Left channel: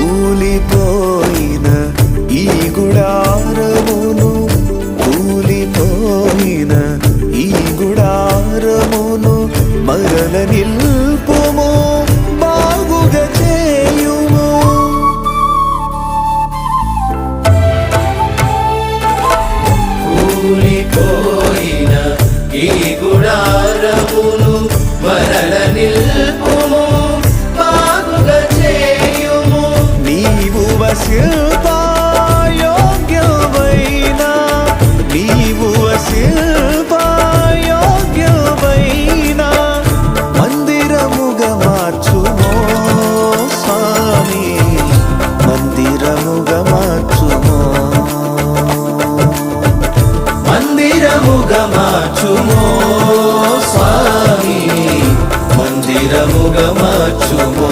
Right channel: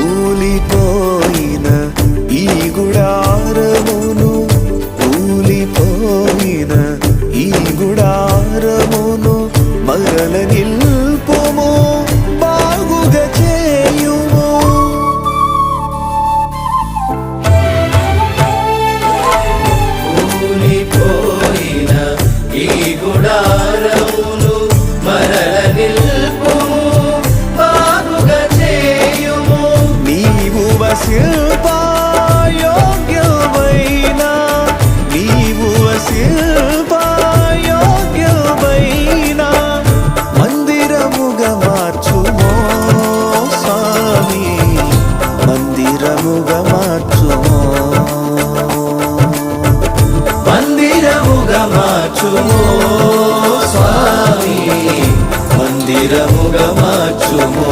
కూలిపోయిన ఈ గుడారమును, కూలిపోయిన ఈ గుడారమును మరల నిల్పుము, బాగుగా చేయుము. కూలిపోయిన ఈ గుడారమును మరల నిల్పుము, బాగుగా చేయుము. నీవు వసింపాయోగ్యమైన, నీవు వసింపాయోగ్యమైన మందిరముగా మార్చుమో స్వామి, మందిరముగా మార్చుమో, మందిరముగా మార్చుమో స్వామి, మందిరముగా మార్చుమో.